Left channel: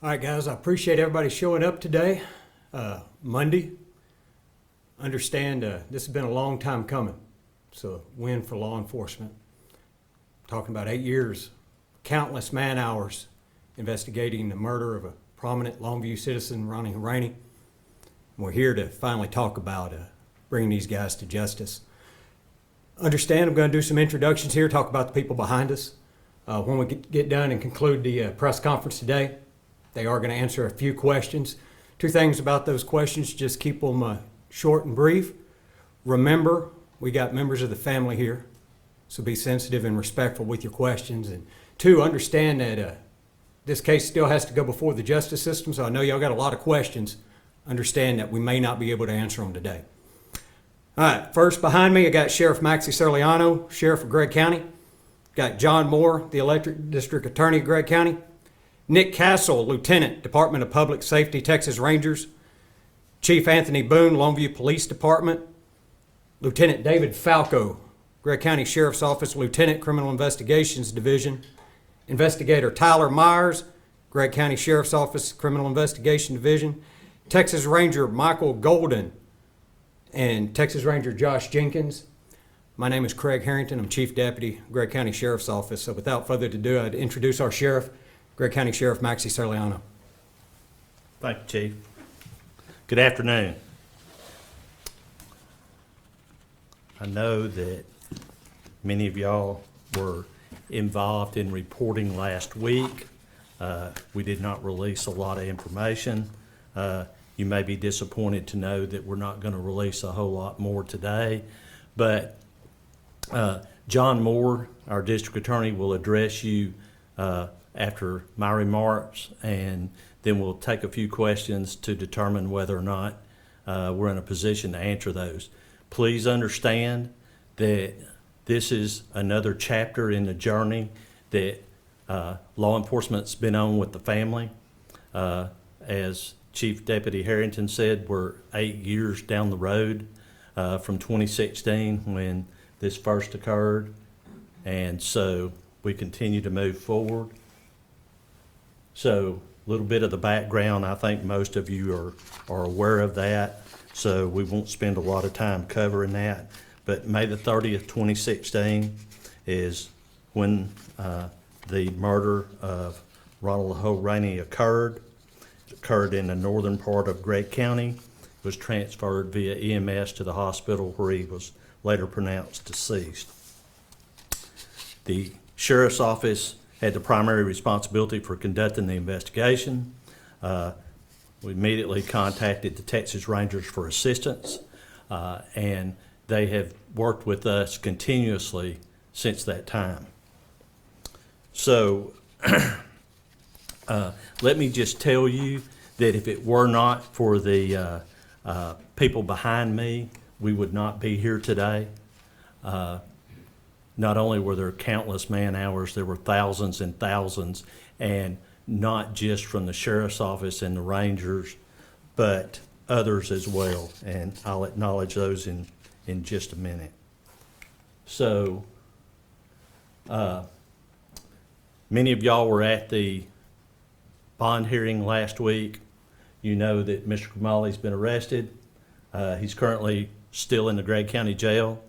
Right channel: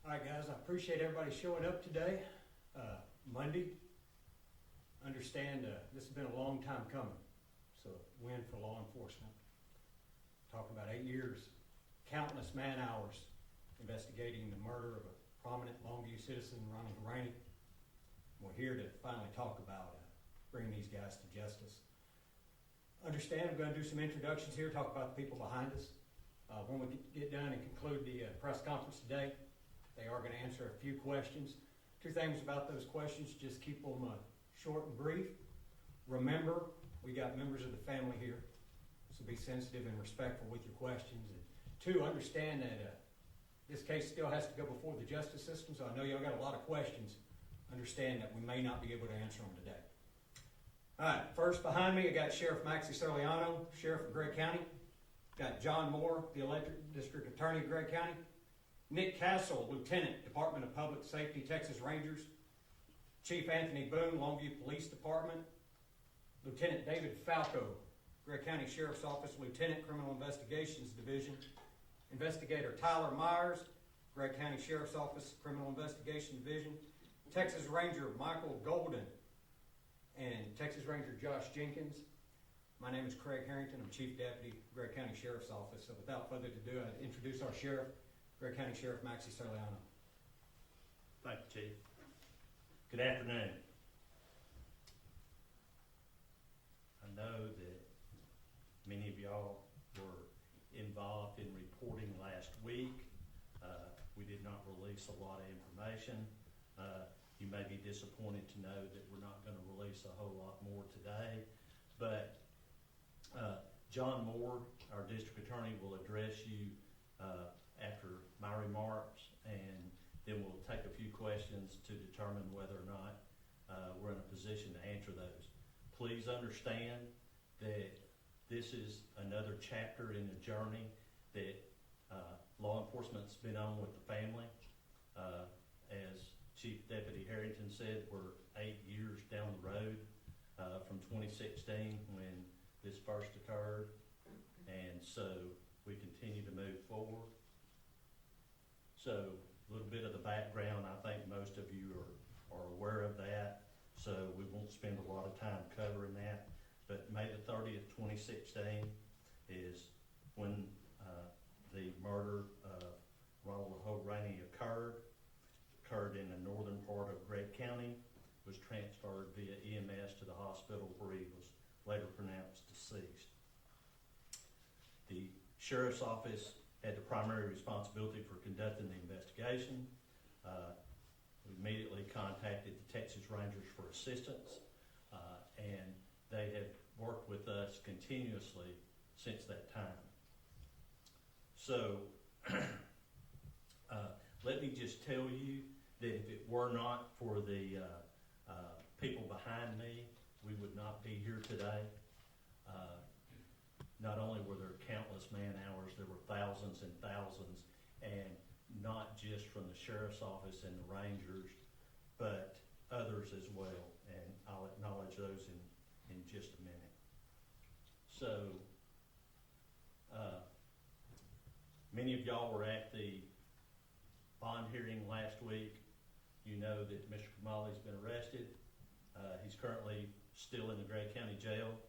All right, guys, I appreciate everybody showing up today, Monday. Understand this has been a long time coming. It's a win for law enforcement. Talking about 8 years, countless man hours investigating the murder of a prominent Longview citizen, Ron Horaney. We're here to finally talk about bringing these guys to justice. Understand I'm going to do some introductions here, talk about the people behind us. When we get done and conclude the press conference today, they are going to answer a few questions. Two things about those questions, just keep them short and brief. Remember, we got members of the family here, so be sensitive and respectful with your questions. And two, understand that this case still has to go before the justice system, so I know y'all got a lot of questions. Understand that we may not be able to answer them today. All right, first behind me, I got Sheriff Maxie Serliano, Sheriff of Gregg County. Got John Moore, the Electric District Attorney of Gregg County. Nick Castle, Lieutenant, Department of Public Safety, Texas Rangers. Chief Anthony Boone, Longview Police Department. Lieutenant David Falco, Gregg County Sheriff's Office, Lieutenant, Criminal Investigations Division. Investigator Tyler Myers, Gregg County Sheriff's Office, Criminal Investigation Division. Texas Ranger Michael Golden and Texas Ranger Josh Jenkins. My name is Craig Harrington. I'm Chief Deputy, Gregg County Sheriff's Office. So without further ado, I'd introduce our Sheriff, Gregg County Sheriff Maxie Serliano. Thank you, Chief. Good afternoon. I know that many of y'all were involved in reporting last week. We did not release a lot of information. You may be disappointed to know that we're not going to release a whole lot more today, but John Moore, our district attorney, will address you after my remarks, and then we'll take a few questions to determine whether or not we're in a position to answer those. Please understand that this is another chapter in the journey that law enforcement's been on with the family. As Chief Deputy Harrington said, we're 8 years down the road from 2016 when this first occurred, and so we continue to move forward. So a little bit of the background, I think most of you are aware of that, so we won't spend a lot of time covering that. But May the 30th, 2016 is when the murder of Ron Horaney occurred. It occurred in the northern part of Gregg County. It was transferred via EMS to the hospital where he was later pronounced deceased. The Sheriff's Office had the primary responsibility for conducting the investigation. We immediately contacted the Texas Rangers for assistance, and they have worked with us continuously since that time. So let me just tell you that if it were not for the people behind me, we would not be here today. Not only were there countless man hours, there were thousands and thousands, and not just from the Sheriff's Office and the Rangers, but others as well, and I'll acknowledge those in just a minute. So, many of y'all were at the bond hearing last week. You know that Mr. Kamali's been arrested. He's currently still in the Gregg County Jail.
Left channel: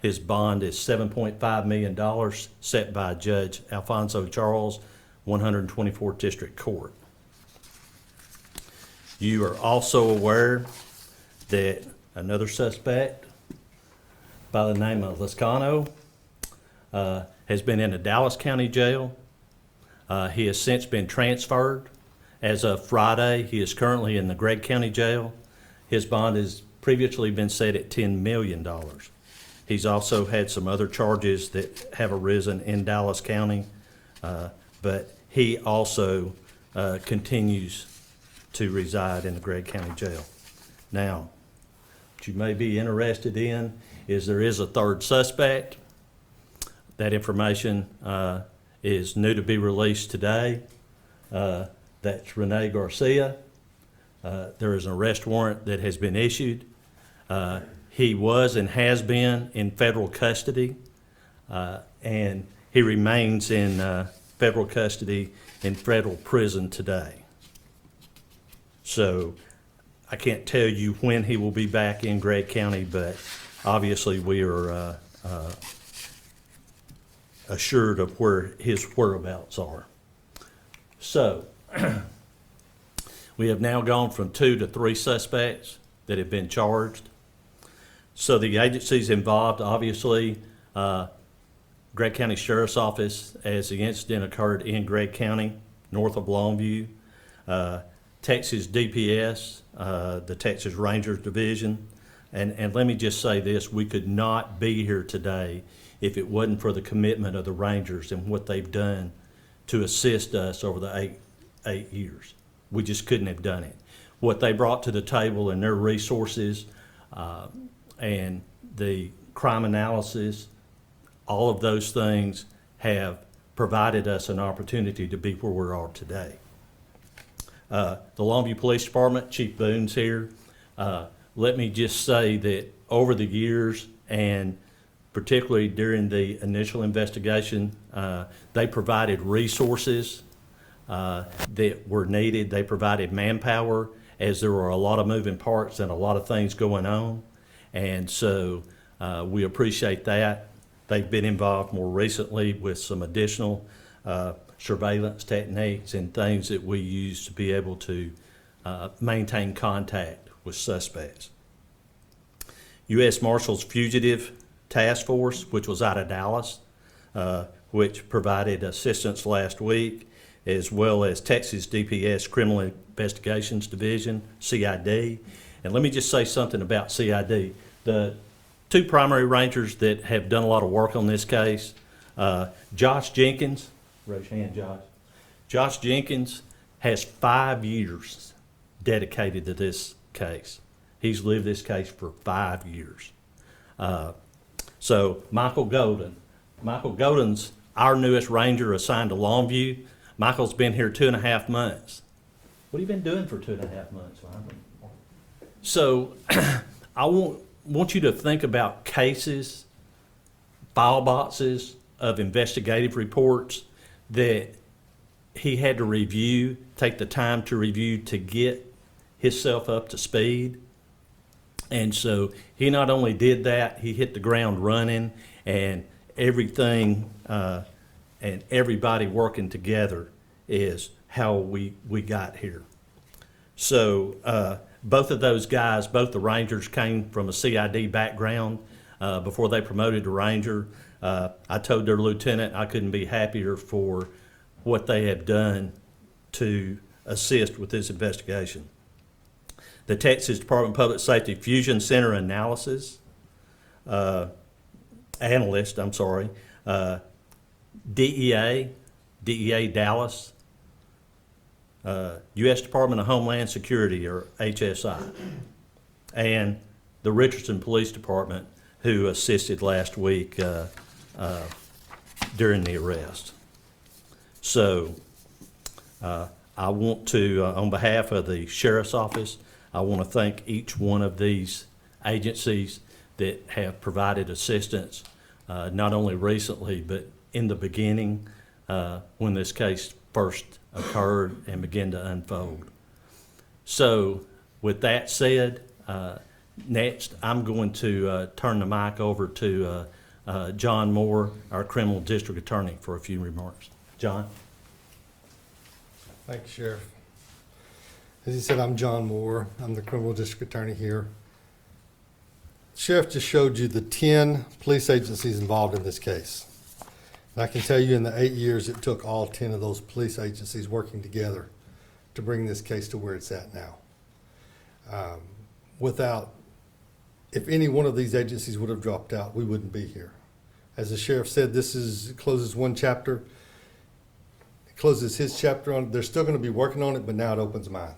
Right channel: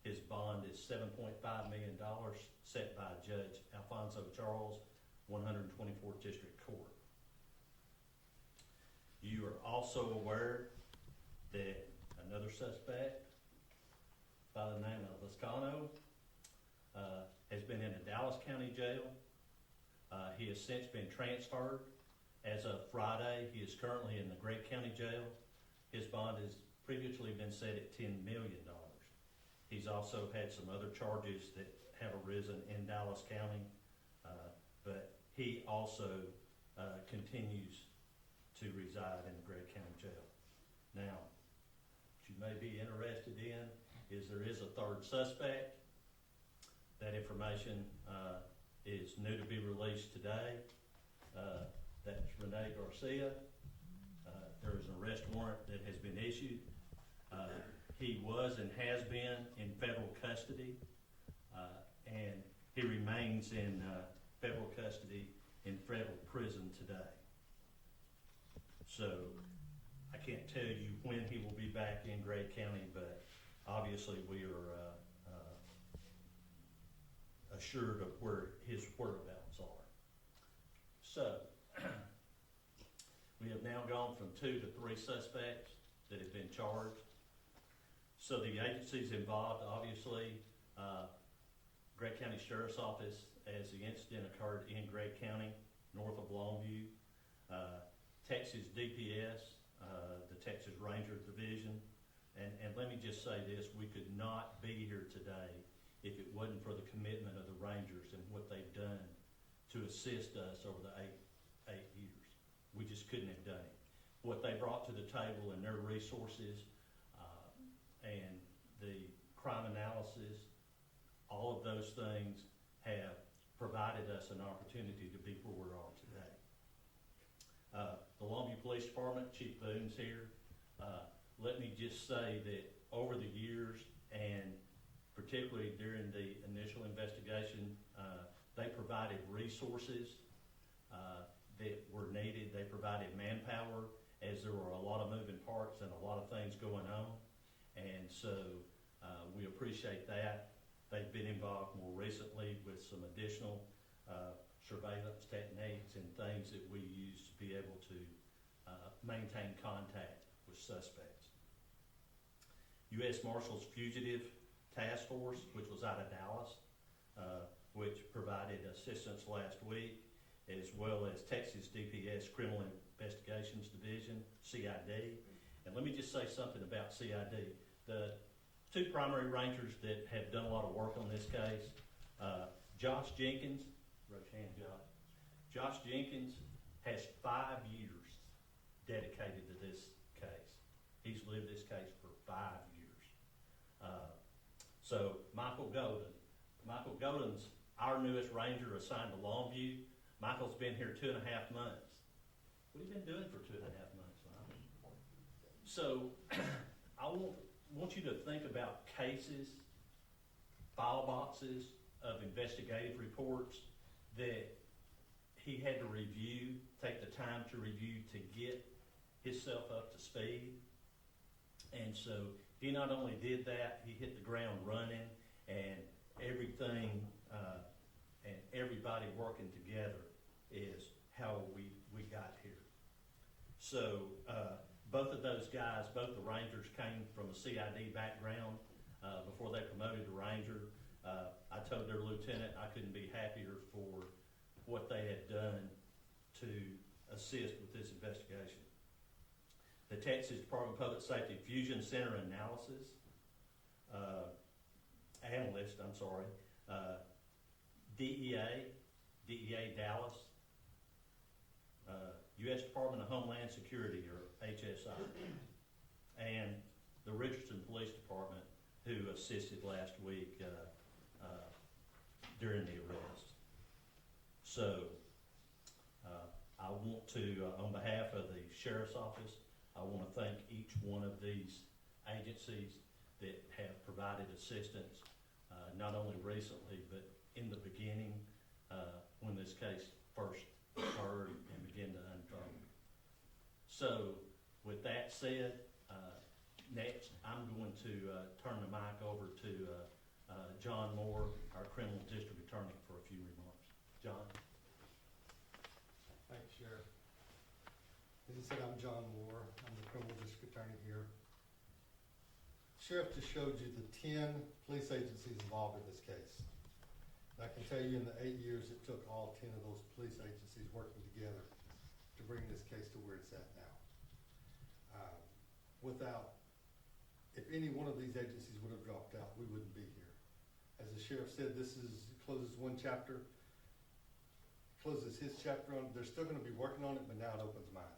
His bond is $7.5 million set by Judge Alfonso Charles, 124th District Court. You are also aware that another suspect by the name of Lascano has been in the Dallas County Jail. He has since been transferred. As of Friday, he is currently in the Gregg County Jail. His bond has previously been set at $10 million. He's also had some other charges that have arisen in Dallas County, but he also continues to reside in the Gregg County Jail. Now, what you may be interested in is there is a third suspect. That information is new to be released today. That's Rene Garcia. There is an arrest warrant that has been issued. He was and has been in federal custody, and he remains in federal custody in federal prison today. So I can't tell you when he will be back in Gregg County, but obviously we are assured of where his whereabouts are. So we have now gone from 2 to 3 suspects that have been charged. So the agencies involved, obviously, Gregg County Sheriff's Office, as the incident occurred in Gregg County, north of Longview, Texas DPS, the Texas Rangers Division, and let me just say this, we could not be here today if it wasn't for the commitment of the Rangers and what they've done to assist us over the eight years. We just couldn't have done it. What they brought to the table and their resources and the crime analysis, all of those things have provided us an opportunity to be where we are today. The Longview Police Department, Chief Boone's here. Let me just say that over the years, and particularly during the initial investigation, they provided resources that were needed. They provided manpower, as there were a lot of moving parts and a lot of things going on. And so we appreciate that. They've been involved more recently with some additional surveillance techniques and things that we use to be able to maintain contact with suspects. U.S. Marshals Fugitive Task Force, which was out of Dallas, which provided assistance last week, as well as Texas DPS Criminal Investigations Division, CID. And let me just say something about CID. The 2 primary rangers that have done a lot of work on this case, Josh Jenkins, raise your hand, Josh. Josh Jenkins has 5 years dedicated to this case. He's lived this case for 5 years. So Michael Golden's our newest ranger assigned to Longview. Michael's been here 2.5 months. What have you been doing for 2.5 months, Michael? So I want you to think about cases, file boxes of investigative reports that he had to review, take the time to review to get himself up to speed. And so he not only did that, he hit the ground running, and everything and everybody working together is how we got here. So both of those guys, both the Rangers, came from a CID background before they promoted to Ranger. I told their lieutenant I couldn't be happier for what they have done to assist with this investigation. The Texas Department of Public Safety Fusion Center analyst, DEA Dallas, U.S. Department of Homeland Security, or HSI, and the Richardson Police Department, who assisted last week during the arrest. So I want to, on behalf of the Sheriff's Office, I want to thank each one of these agencies that have provided assistance, not only recently, but in the beginning when this case first occurred and began to unfold. So with that said, next I'm going to turn the mic over to John Moore, our Criminal District Attorney, for a few remarks. John? Thank you, Sheriff. As he said, I'm John Moore. I'm the Criminal District Attorney here. Sheriff just showed you the 10 police agencies involved in this case. And I can tell you in the 8 years it took all 10 of those police agencies working together to bring this case to where it's at now. If any one of these agencies would have dropped out, we wouldn't be here. As the Sheriff said, closes one chapter. It closes his chapter on it. They're still going to be working on it, but now it opens mine.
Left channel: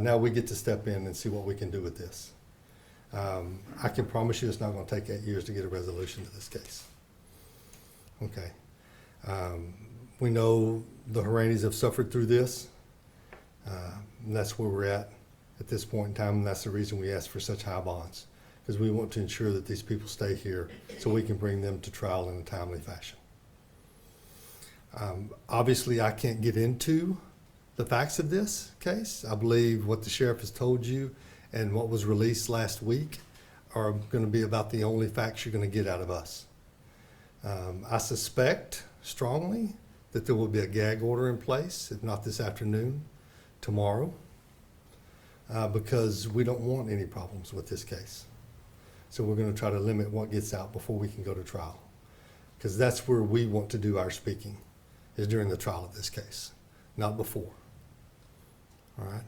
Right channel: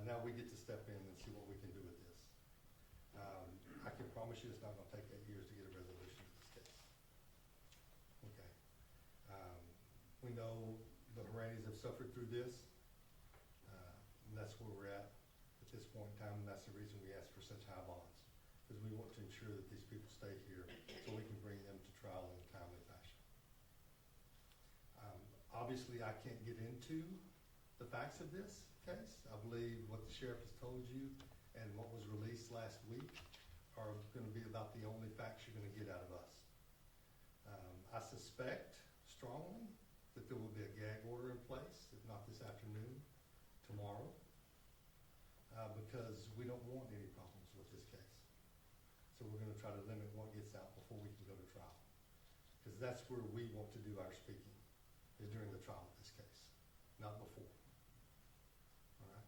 Now we get to step in and see what we can do with this. I can promise you it's not going to take 8 years to get a resolution to this case. Okay. We know the Horaneys have suffered through this, and that's where we're at this point in time, and that's the reason we ask for such high bonds, because we want to ensure that these people stay here so we can bring them to trial in a timely fashion. Obviously, I can't get into the facts of this case. I believe what the sheriff has told you and what was released last week are going to be about the only facts you're going to get out of us. I suspect strongly that there will be a gag order in place, if not this afternoon, tomorrow, because we don't want any problems with this case. So we're going to try to limit what gets out before we can go to trial, because that's where we want to do our speaking, is during the trial of this case, not before. All right.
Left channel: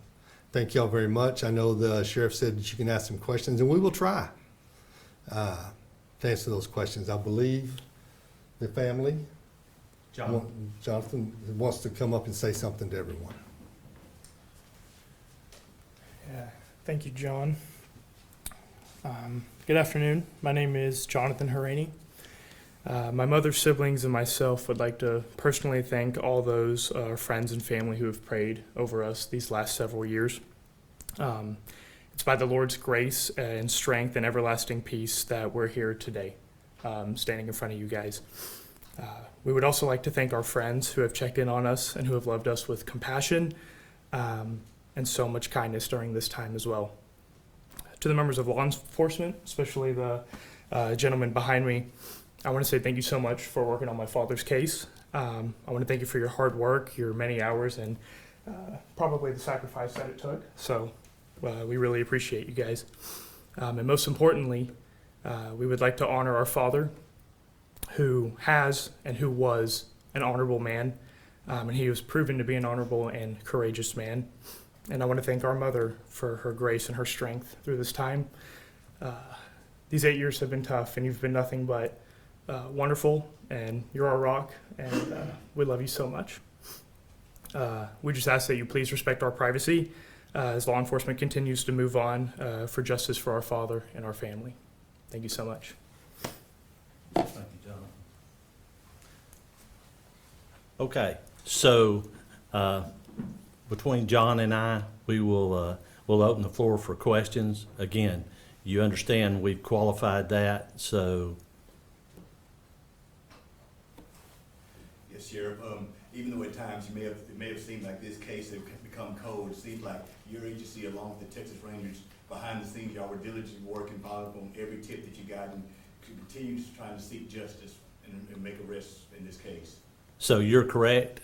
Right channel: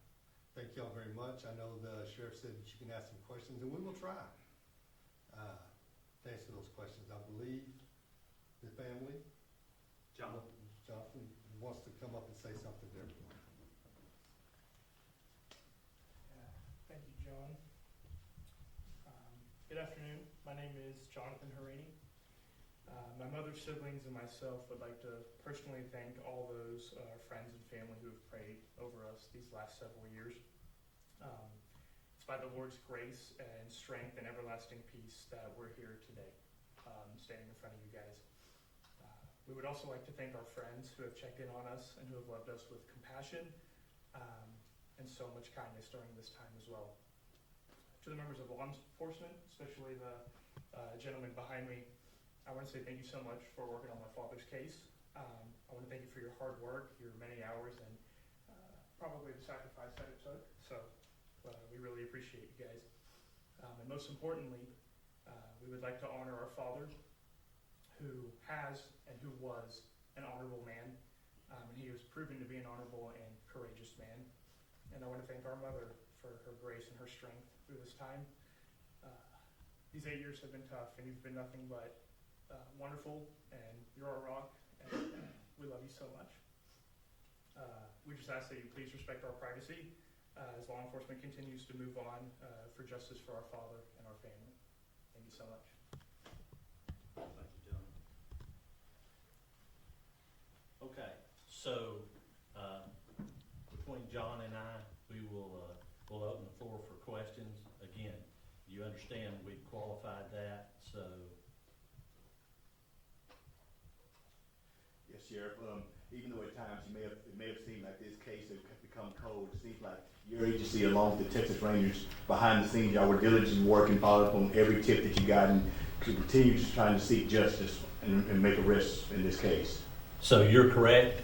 Thank y'all very much. I know the sheriff said that you can ask some questions, and we will try to answer those questions. I believe the family, Jonathan wants to come up and say something to everyone. Yeah, thank you, John. Good afternoon. My name is Jonathan Horaney. My mother's siblings and myself would like to personally thank all those friends and family who have prayed over us these last several years. It's by the Lord's grace and strength and everlasting peace that we're here today, standing in front of you guys. We would also like to thank our friends who have checked in on us and who have loved us with compassion and so much kindness during this time as well. To the members of law enforcement, especially the gentleman behind me, I want to say thank you so much for working on my father's case. I want to thank you for your hard work, your many hours, and probably the sacrifice that it took. So we really appreciate you guys. And most importantly, we would like to honor our father, who has and who was an honorable man, and he was proven to be an honorable and courageous man. And I want to thank our mother for her grace and her strength through this time. These 8 years have been tough, and you've been nothing but wonderful, and you're our rock, and we love you so much. We just ask that you please respect our privacy as law enforcement continues to move on for justice for our father and our family. Thank you so much. Thank you, John. Okay, so between John and I, we'll open the floor for questions. Again, you understand we've qualified that, so. Yes, Sheriff. Even though at times it may have seemed like this case has become cold, it seems like your agency, along with the Texas Rangers, behind the scenes, y'all were diligently working, following up on every tip that you got, and to continue just trying to seek justice and make arrests in this case. So you're correct.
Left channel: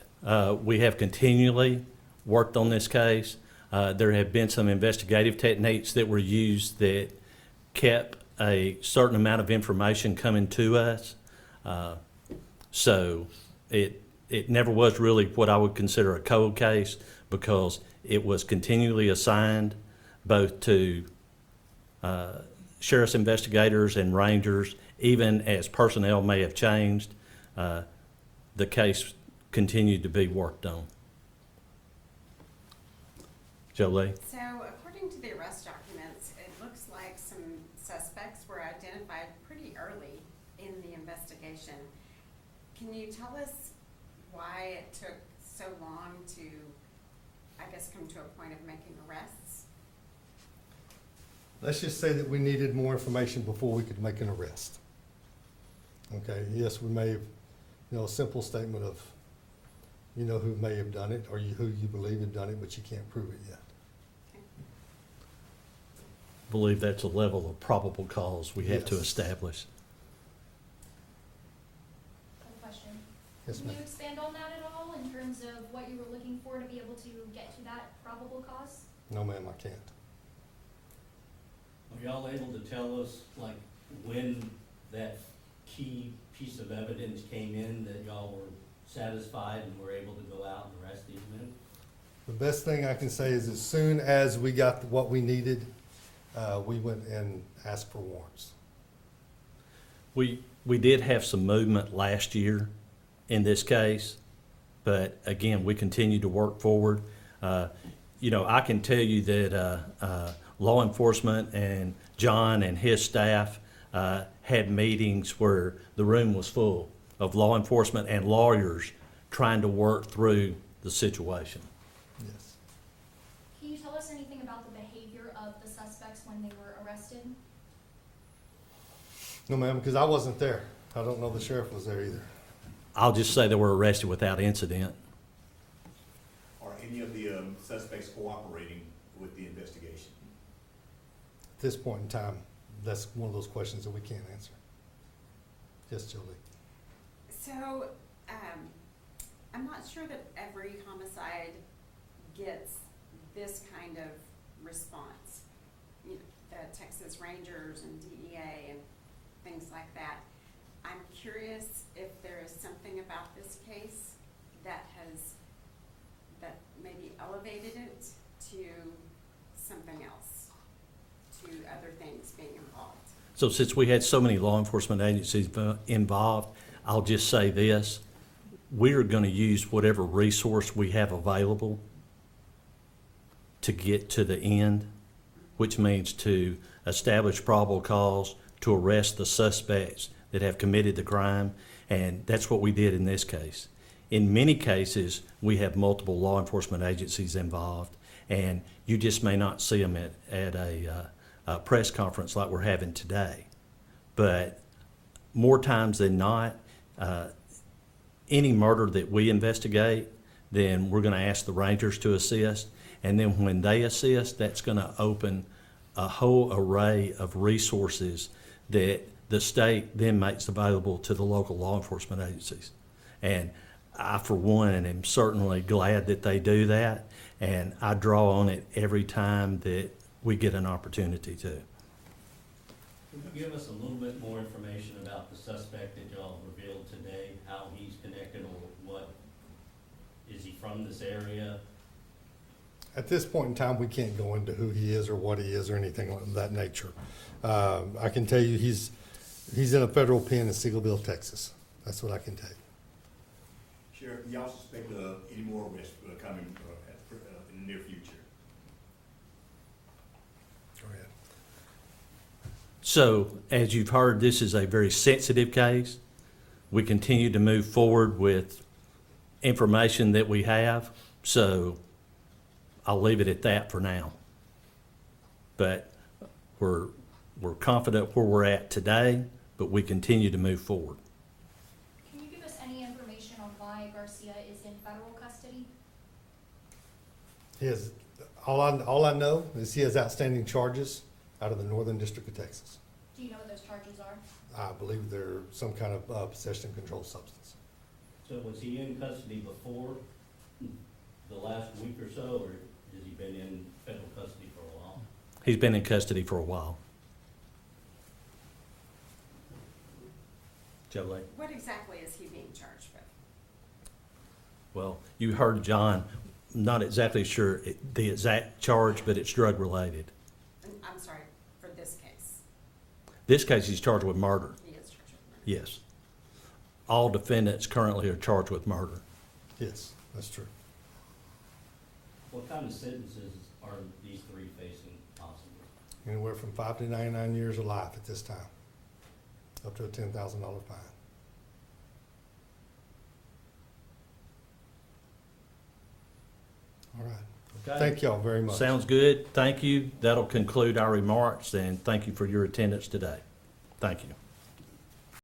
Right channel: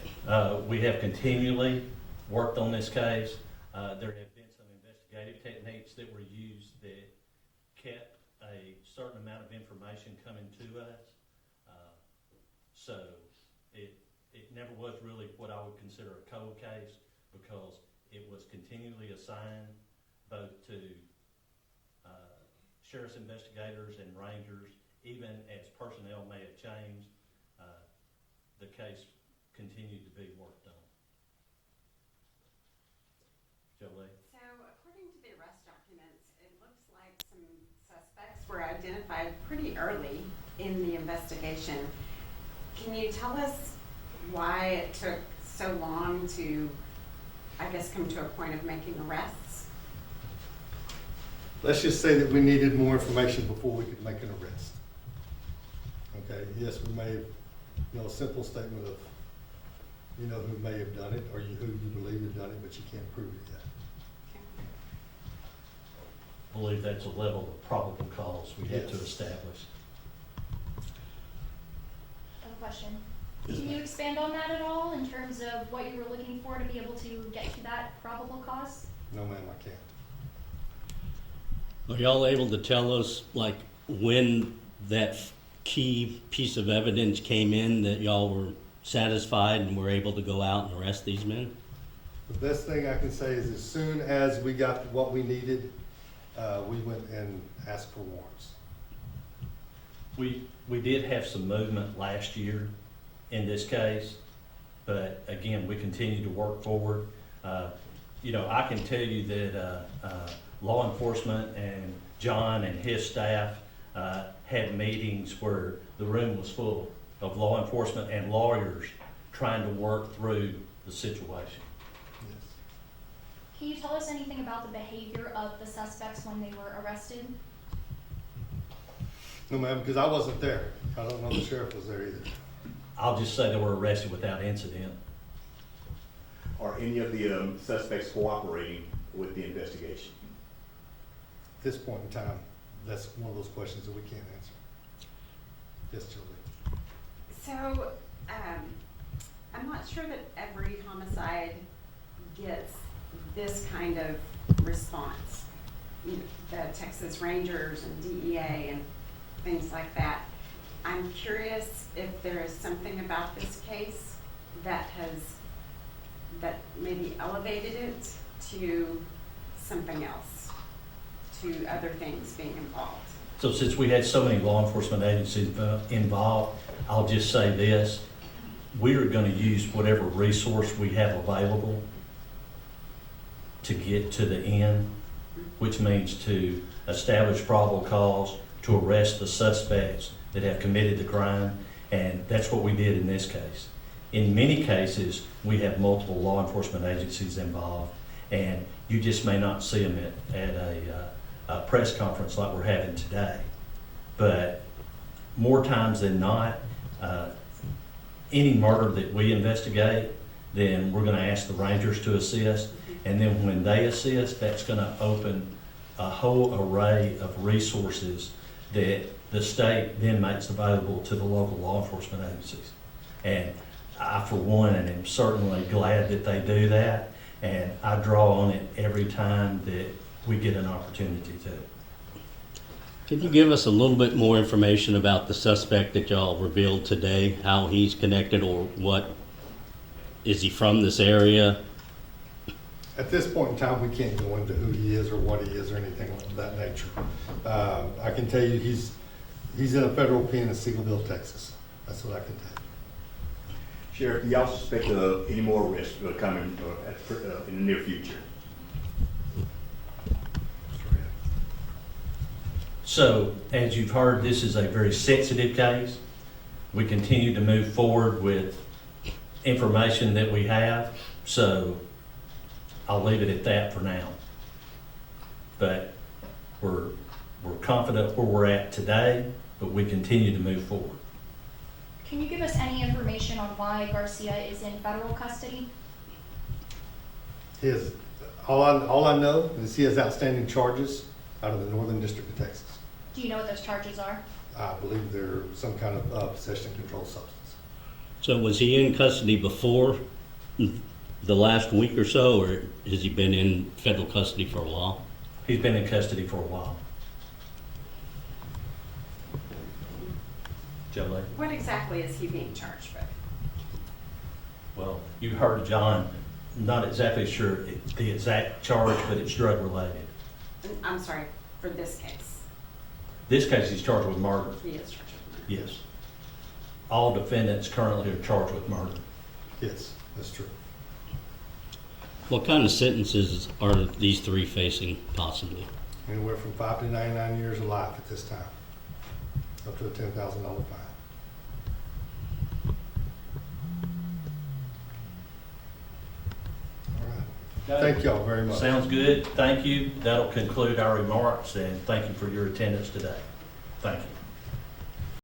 We have continually worked on this case. There have been some investigative techniques that were used that kept a certain amount of information coming to us. So it never was really what I would consider a cold case, because it was continually assigned both to sheriff's investigators and rangers. Even as personnel may have changed, the case continued to be worked on. Jolie? So according to the arrest documents, it looks like some suspects were identified pretty early in the investigation. Can you tell us why it took so long to, I guess, come to a point of making arrests? Let's just say that we needed more information before we could make an arrest. Okay, yes, we may have, a simple statement of, who may have done it, or who you believe have done it, but you can't prove it yet. Believe that's a level of probable cause we have to Yes. establish. I have a question. Yes, Can ma'am. you expand on that at all in terms of what you were looking for to be able to get to that probable cause? No, ma'am, I can't. Are y'all able to tell us, like, when that key piece of evidence came in that y'all were satisfied and were able to go out and arrest these men? The best thing I can say is as soon as we got what we needed, we went and asked for warrants. We did have some movement last year in this case, but again, we continue to work forward. I can tell you that law enforcement and John and his staff had meetings where the room was full of law enforcement and lawyers trying to work through the situation. Yes. Can you tell us anything about the behavior of the suspects when they were arrested? No, ma'am, because I wasn't there. I don't know the sheriff was there either. I'll just say they were arrested without incident. are any of the suspects cooperating with the investigation? At this point in time, that's one of those questions that we can't answer. Yes, Julie? So, I'm not sure that every homicide gets this kind of response. You know, the Texas Rangers and DEA and things like that. I'm curious if there is something about this case that maybe elevated it to something else, to other things being involved. So since we had so many law enforcement agencies involved, I'll just say this. We are gonna use whatever resource we have available to get to the end, which means to establish probable cause, to arrest the suspects that have committed the crime, and that's what we did in this case. In many cases, we have multiple law enforcement agencies involved, and you just may not see them at a press conference like we're having today. But more times than not, any murder that we investigate, then we're gonna ask the Rangers to assist, and then when they assist, that's gonna open a whole array of resources that the state then makes available to the local law enforcement agencies. And I, for one, am certainly glad that they do that, and I draw on it every time that we get an opportunity to. Can you give us a little bit more information about the suspect that y'all revealed today, how he's connected or what? Is he from this area? At this point in time, we can't go into who he is or what he is or anything of that nature. I can tell you he's in a federal pen in Seagoville, Texas. That's what I can tell you. Sheriff, do y'all suspect any more arrests coming in the near future? So, as you've heard, this is a very sensitive case. We continue to move forward with information that we have, so I'll leave it at that for now. But we're confident where we're at today, but we continue to move forward. Can you give us any information on why Garcia is in federal custody? He has, all I know is he has outstanding charges out of the Northern District of Texas. Do you know what those charges are? I believe they're some kind of possession of controlled substance. So was he in custody before the last week or so, or has he been in federal custody for a while? He's been in custody for a while. Jolie? What exactly is he being charged with? Well, you heard John, not exactly sure the exact charge, but it's drug related. I'm sorry, for this case. This case, he's charged with murder. He is charged with murder. Yes. All defendants currently are charged with murder. Yes, that's true. What kind of sentences are these three facing possibly? Anywhere from 5 to 99 years of life at this time, up to a $10,000 fine. All right. Thank y'all very much. Sounds good. Thank you. That'll conclude our remarks, and thank you for your attendance today. Thank you.